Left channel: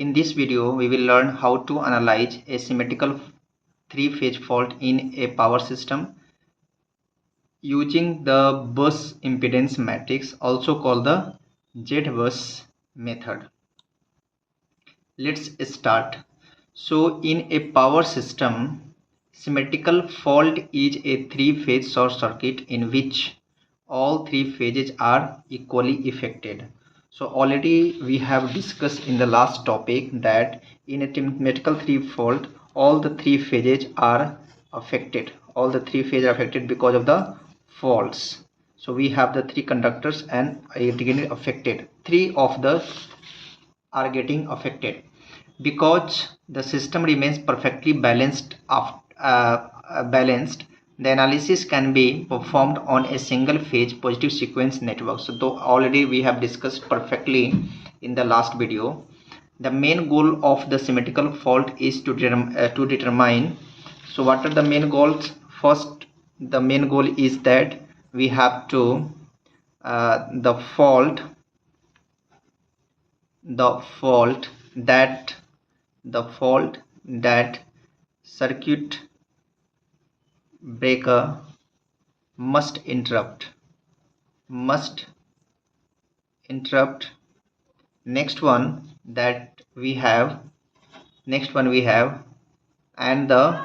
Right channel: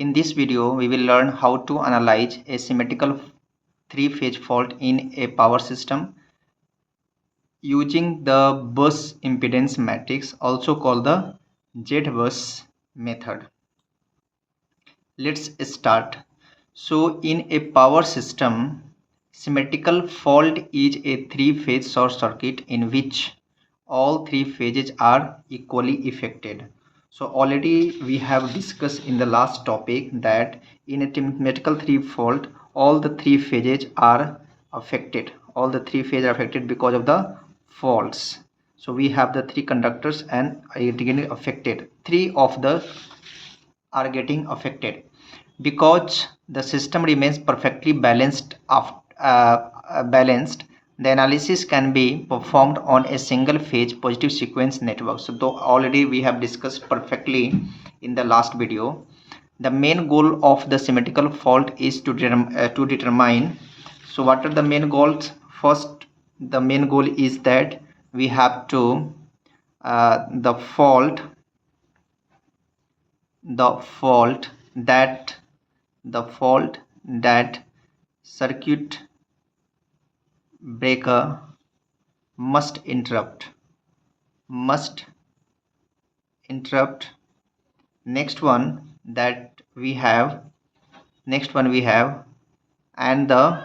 In this video, we will learn how to analyze a symmetrical three-phase fault in a power system using the bus impedance matrix, also called the Z-bus method. Let's start. So, in a power system, symmetrical fault is a three-phase short circuit in which all three phases are equally affected. So already we have discussed in the last topic that in a symmetrical three fault all the three phases are affected. All the three phases are affected because of the faults. So we have the three conductors and are getting affected. Three of the are getting affected because the system remains perfectly balanced. The analysis can be performed on a single phase positive sequence network. So though already we have discussed perfectly in the last video, the main goal of the symmetrical fault is to determine. So what are the main goals? First, the main goal is that we have to the fault that circuit breaker must interrupt. Next one we have and the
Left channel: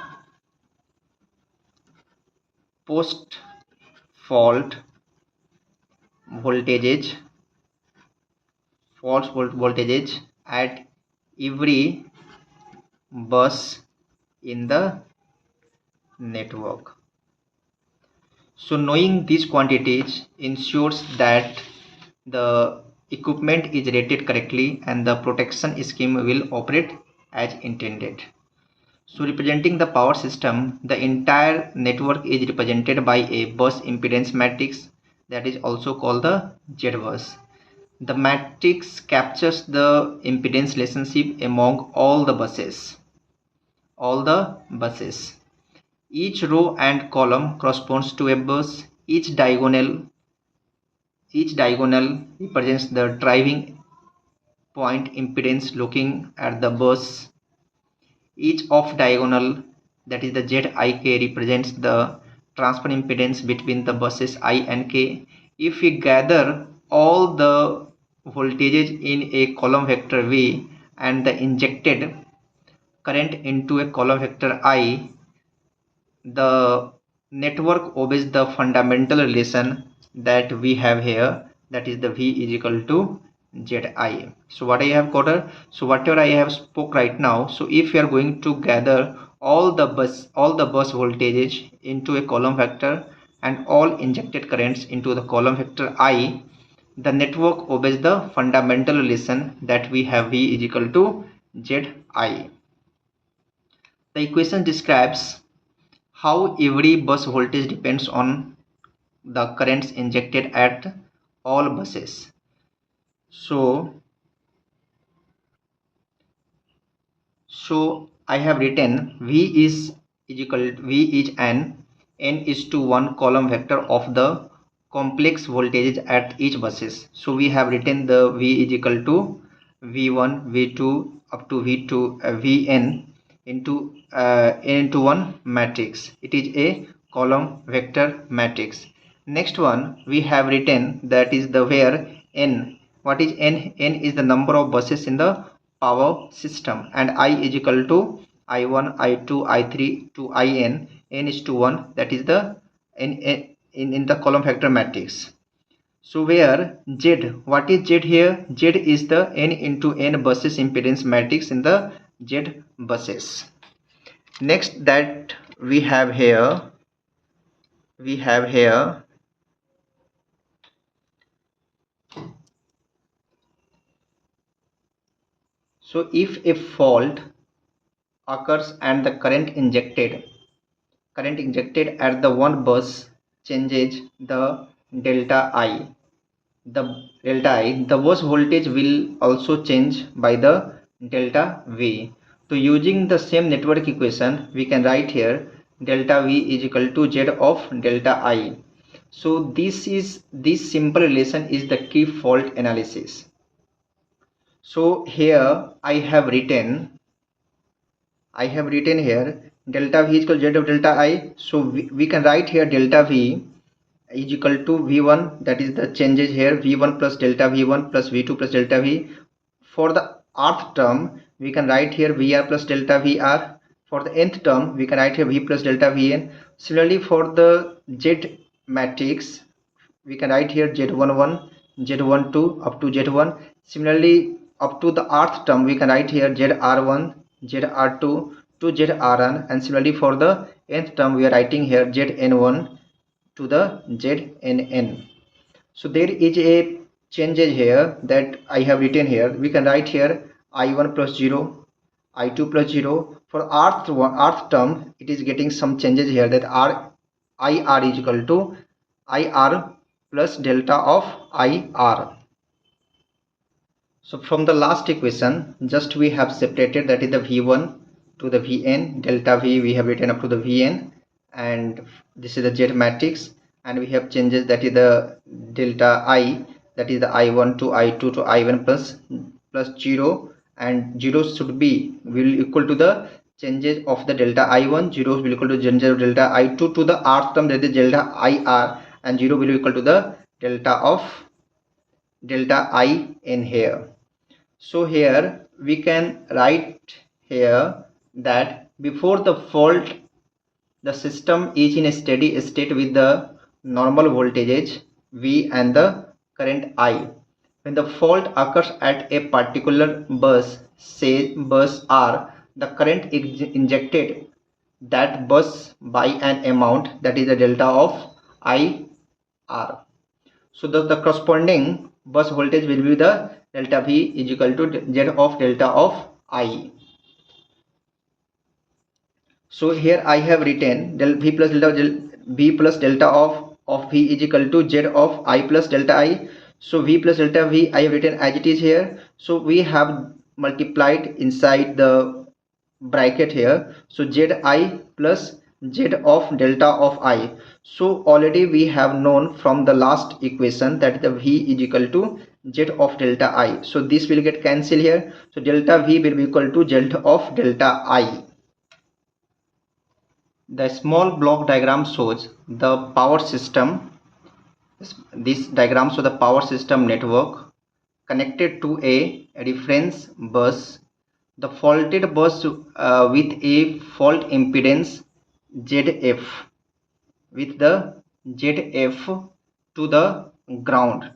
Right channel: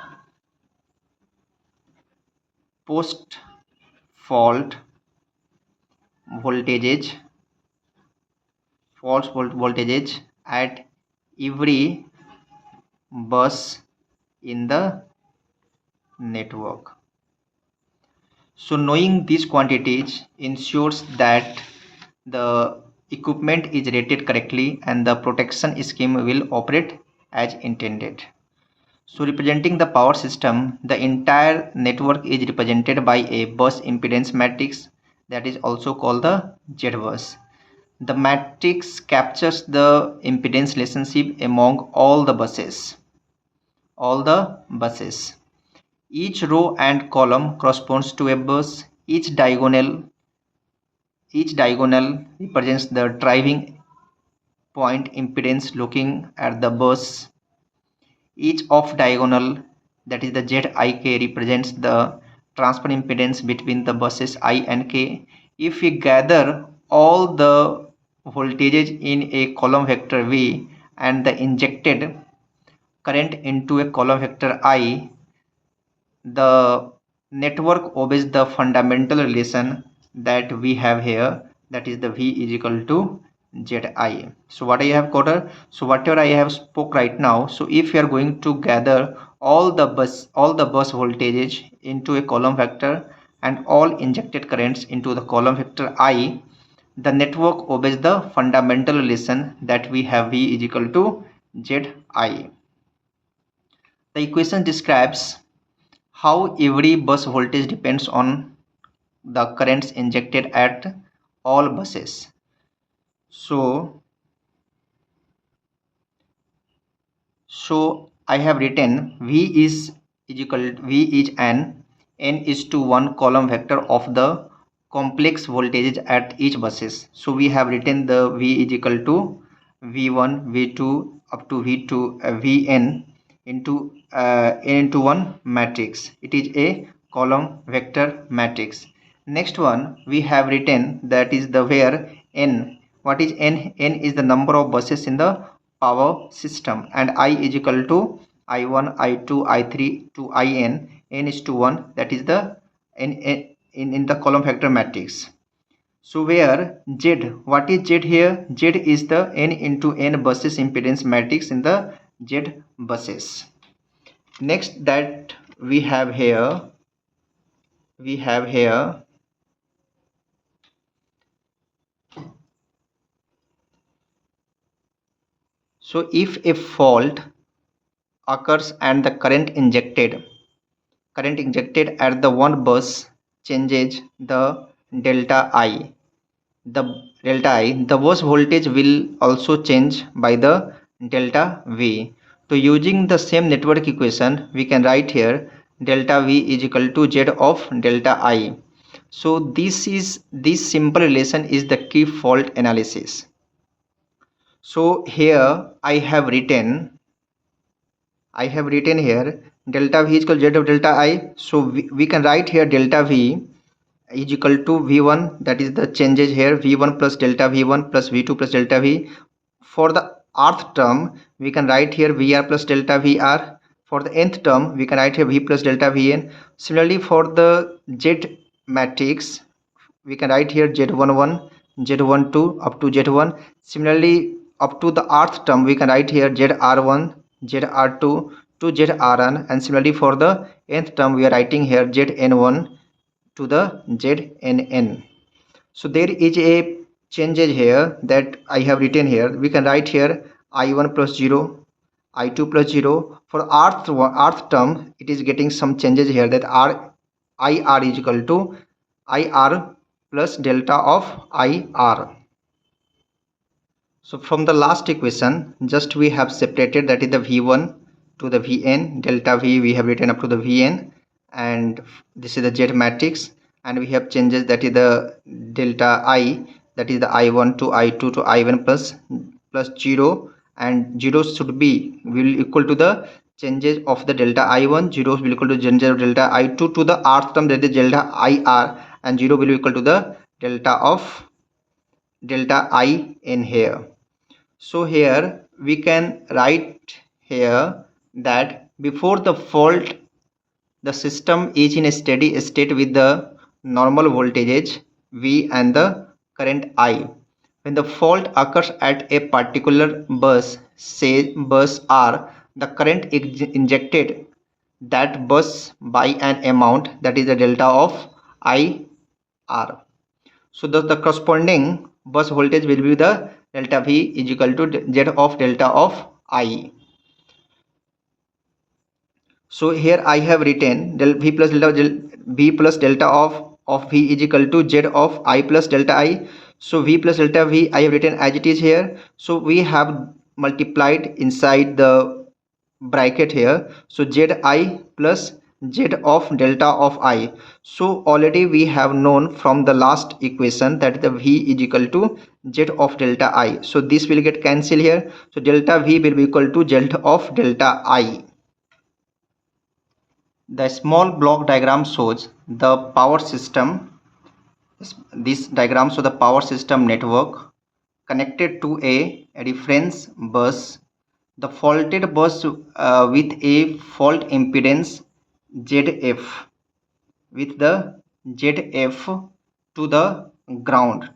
post fault voltages at every bus in the network. So knowing these quantities ensures that the equipment is rated correctly and the protection scheme will operate as intended. So representing the power system, the entire network is represented by a bus impedance matrix that is also called the Z-bus. The matrix captures the impedance relationship among all the buses. Each row and column corresponds to a bus. Each diagonal represents the driving point impedance looking at the bus. Each off diagonal, that is the Zik, represents the transfer impedance between the buses I and K. If we gather all the voltages in a column vector V and the injected current into a column vector I, the network obeys the fundamental relation that we have here, that is the V is equal to Zi. So what I have quoted, so whatever I have spoke right now, so if you are going to gather all the bus voltages into a column vector and all injected currents into the column vector I, the network obeys the fundamental relation that we have V is equal to Zi. The equation describes how every bus voltage depends on the currents injected at all buses. So I have written V is an n is to 1 column vector of the complex voltages at each buses. So we have written the V is equal to V1, V2 up to V2, Vn into n into 1 matrix. It is a column vector matrix. Next one we have written, that is the where n. What is n? N is the number of buses in the power system, and I is equal to I1, I2, I3 to In. N is to 1, that is the in the column vector matrix. So where Z, what is Z here? Z is the n into n buses impedance matrix in the Z buses. Next that we have here so if a fault occurs and the current injected at the one bus changes the delta I, the bus voltage will also change by the delta V. So using the same network equation, we can write here delta V is equal to Z of delta I. So this simple relation is the key fault analysis. So here I have written here delta V is equal to Z of delta I. So we can write here delta V is equal to V1, that is the changes here, V1 plus delta V1 plus V2 plus delta V. For the rth term we can write here VR plus delta VR. For the nth term we can write here V plus delta Vn. Similarly for the Z matrix we can write here Z11, Z12 up to Z1. Similarly up to the rth term we can write here ZR1, ZR2 to ZRN, and similarly for the nth term we are writing here ZN1 to the ZNN. So there is a changes here that I have written here. We can write here I1 plus 0, I2 plus 0. For rth term it is getting some changes here, that IR is equal to IR plus delta of IR. So from the last equation just we have separated, that is the V1 to the Vn, delta V we have written up to the Vn, and this is the Z matrix, and we have changes, that is the delta I, that is the I1 to I2 to I1 plus 0, and 0 should be will equal to the changes of the delta I1, 0 will equal to changes of delta I2 to the rth term, that is delta IR, and 0 will equal to the delta of delta I in here. So here we can write here that before the fault the system is in a steady state with the normal voltages V and the current I. When the fault occurs at a particular bus, say bus R, the current is injected that bus by an amount, that is the delta of IR. So the corresponding bus voltage will be the delta V is equal to Z of delta of I. So here I have written del V plus delta of V is equal to Z of I plus delta I. So V plus delta V I have written as it is here. So we have multiplied inside the bracket here. So ZI plus Z of delta of I. So already we have known from the last equation that the V is equal to Z of delta I. So this will get cancelled here. So delta V will be equal to Z of delta I. The small block diagram shows the power system. This diagram shows the power system network connected to a reference bus. The faulted bus with a fault impedance ZF, with the ZF to the ground,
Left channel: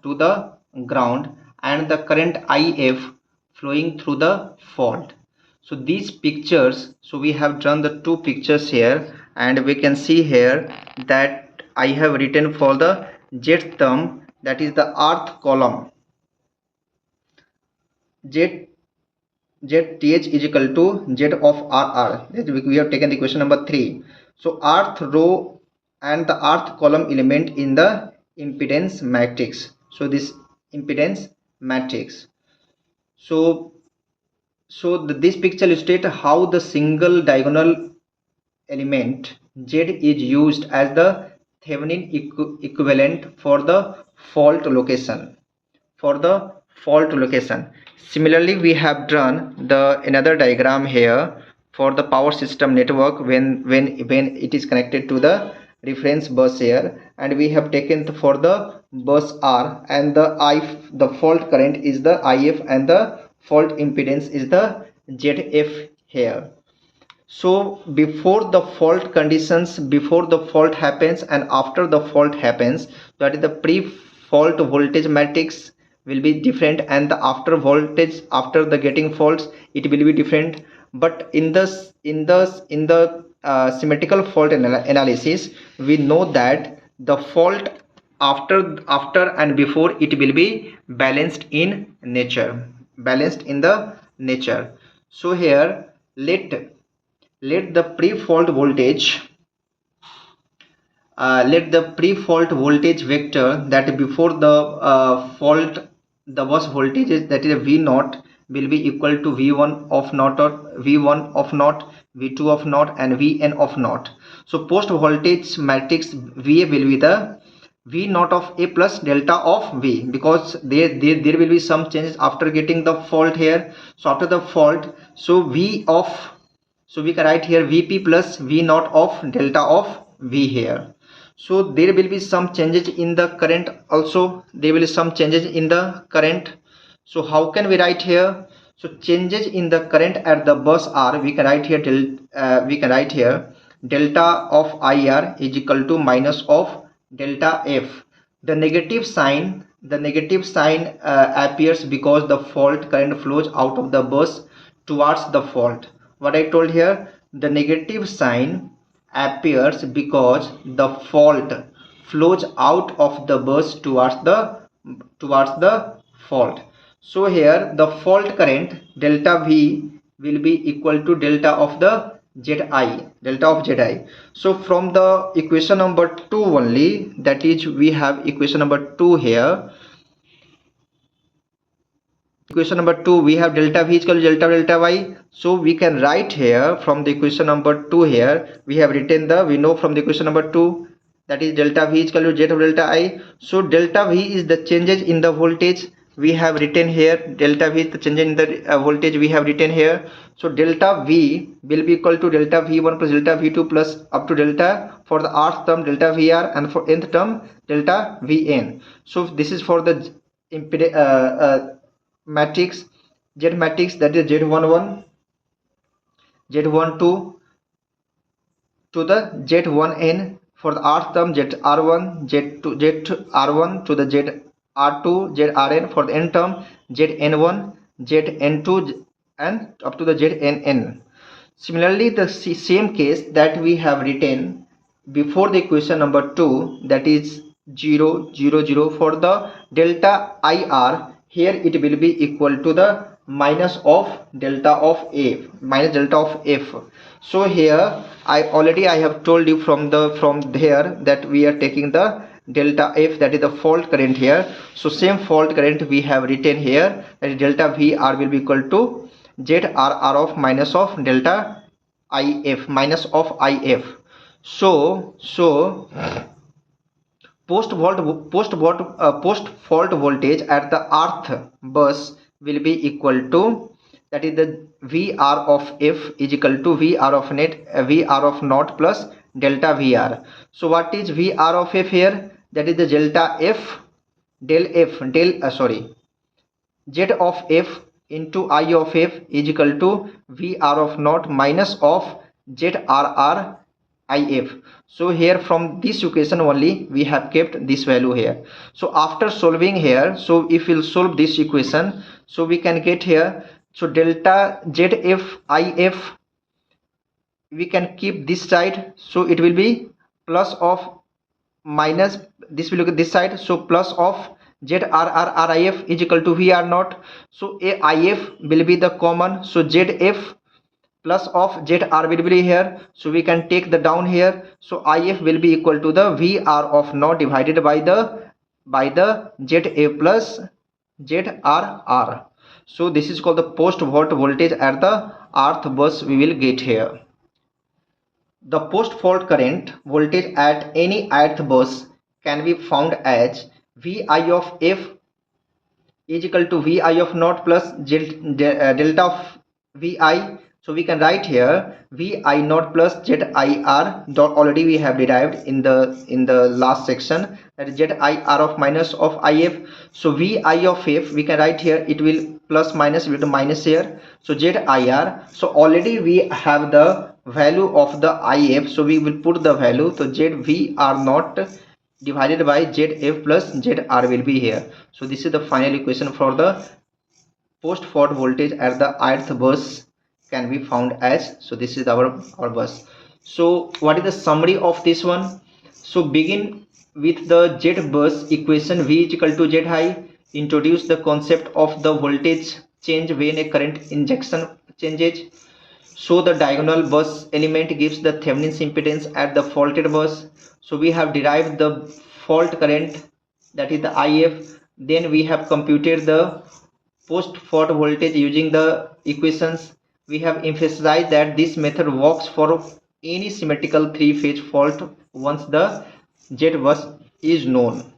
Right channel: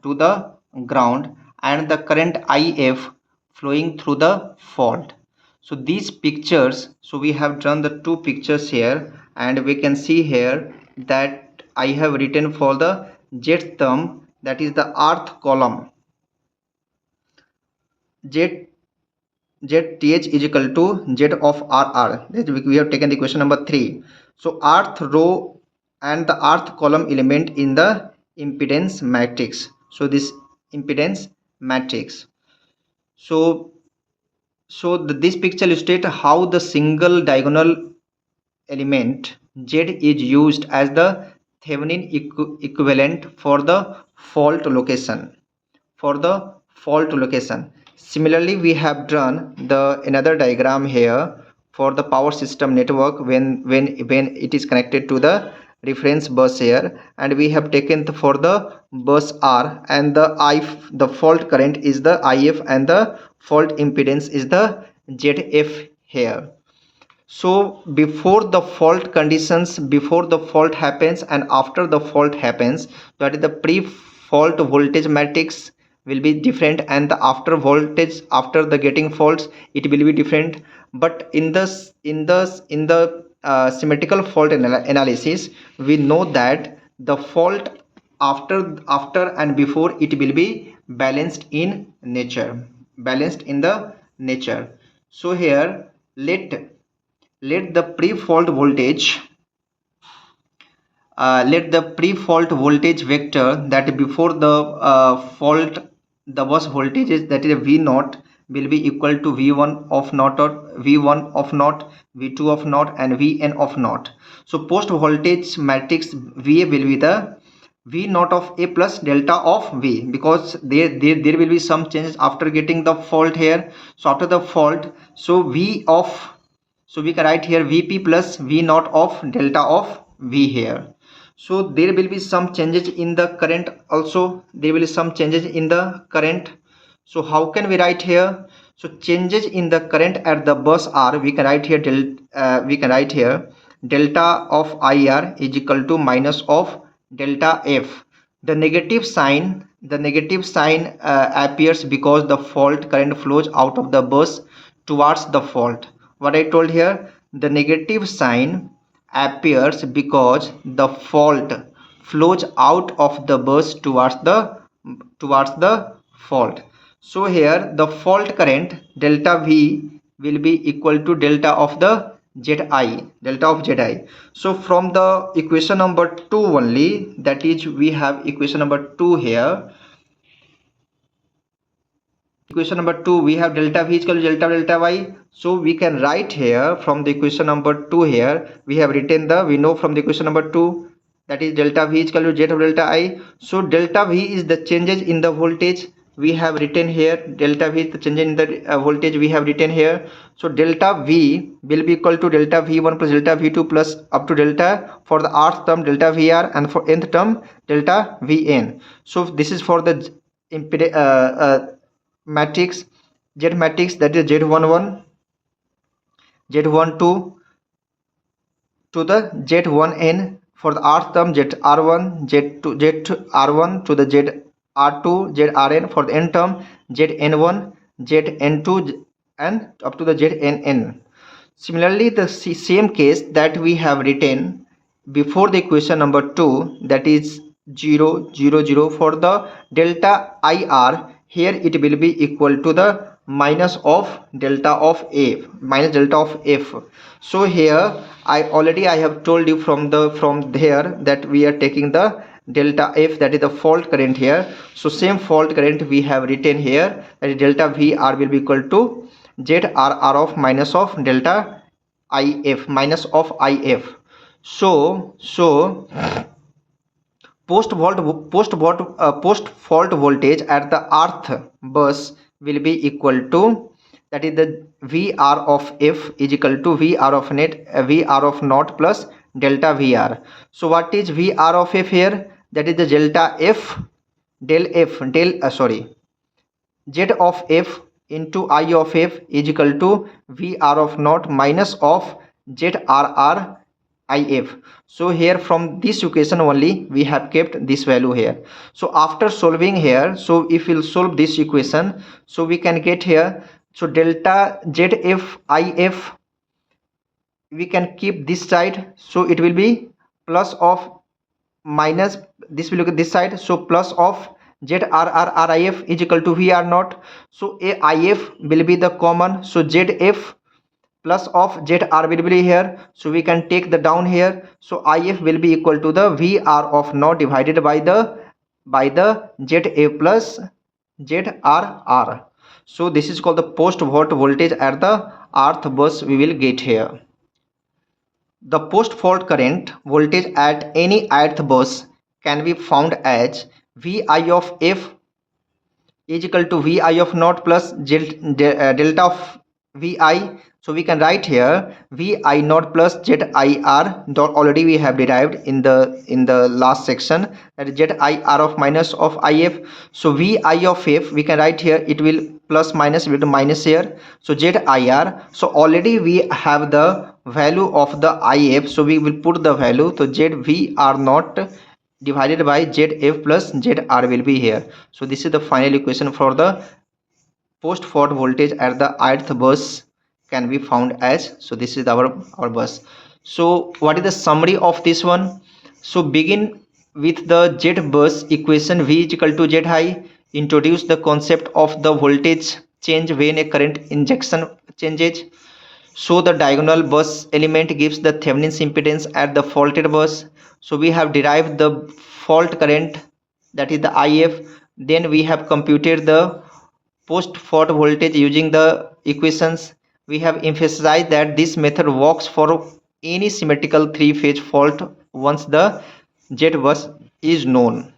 and the current IF flowing through the fault. So these pictures, so we have drawn the two pictures here, and we can see here that I have written for the Z term, that is the rth column, ZTH is equal to Z of RR. We have taken the question number 3. So rth row and the rth column element in the impedance matrix. So this impedance matrix. So this picture illustrates how the single diagonal element Z is used as the Thevenin equivalent for the fault location. Similarly, we have drawn the another diagram here for the power system network when it is connected to the reference bus here, and we have taken for the bus R, and the fault current is the IF and the fault impedance is the ZF here. So before the fault conditions, before the fault happens and after the fault happens, that is the pre-fault voltage matrix will be different, and the after voltage after the getting faults it will be different. But in the symmetrical fault analysis, we know that the fault after and before it will be balanced in nature, So here let the pre-fault voltage vector that before the fault the bus voltages, that is V naught, will be equal to V1 of naught, or V1 of naught, V2 of naught, and Vn of naught. So post voltage matrix Va will be the V naught of A plus delta of V, because there will be some changes after getting the fault here. So after the fault, so V of, so we can write here Vp plus V naught of delta of V here. So there will be some changes in the current also, there will be some changes in the current. So how can we write here? So changes in the current at the bus are, we can write here delta of IR is equal to minus of delta F. The negative sign appears because the fault current flows out of the bus towards the fault. What I told here, the negative sign appears because the fault flows out of the bus towards the fault. So here the fault current delta V will be equal to delta of the Zi. So from the equation number 2 only, that is we have equation number 2 here. Equation number 2, we have delta V is equal to delta Y. So we can write here from the equation number 2 here, we have written we know from the equation number 2, that is delta V is equal to Z of delta I. So delta V is the changes in the voltage. We have written here delta V is the change in the voltage we have written here. So delta V will be equal to delta V1 plus delta V2 plus up to delta, for the rth term delta VR, and for nth term delta Vn. So this is for the matrix Z matrix, that is Z11, Z12 to the Z1n, for the rth term ZR1, ZR1 to the ZR2, ZRn, for the n term ZN1, ZN2, and up to the ZNN. Similarly, the same case that we have written before the equation number 2, that is 0 0 0, for the delta IR, here it will be equal to the minus of delta of F. So here I have told you from there that we are taking the delta F, that is the fault current here. So same fault current we have written here, that is delta VR will be equal to ZRR of minus of delta IF, minus of IF. So post fault voltage at the rth bus will be equal to, that is the VR of F is equal to VR of naught plus delta VR. So what is VR of F here? That is the delta F Z of F into I of F is equal to VR of naught minus of ZRR IF. So here from this equation only we have kept this value here. So after solving here, so if we'll solve this equation, so we can get here, so delta ZF IF we can keep this side, so it will be plus of minus, this will look at this side, so plus of ZRRRIF is equal to VR naught. So AIF will be the common, so ZF plus of ZR will be here, so we can take the down here. So IF will be equal to the VR of naught divided by the ZA plus ZRR. So this is called the post fault voltage at the rth bus we will get here. The post fault current voltage at any ith bus can be found as Vi of F is equal to Vi of naught plus delta of Vi. So we can write here Vi naught plus ZIR dot, already we have derived in the last section, that is ZIR of minus of IF. So Vi of F we can write here, it will plus minus will be minus here, so ZIR. So already we have the value of the IF, so we will put the value, so ZVR naught divided by ZF plus ZR will be here. So this is the final equation for the post fault voltage at the ith bus can be found as. So this is our bus. So what is the summary of this one? So begin with the Z bus equation, V is equal to Z high. Introduce the concept of the voltage change when a current injection changes. So the diagonal bus element gives the Thevenin's impedance at the faulted bus. So we have derived the fault current, that is the IF. Then we have computed the post fault voltage using the equations. We have emphasized that this method works for any symmetrical three-phase fault once the Z bus is known.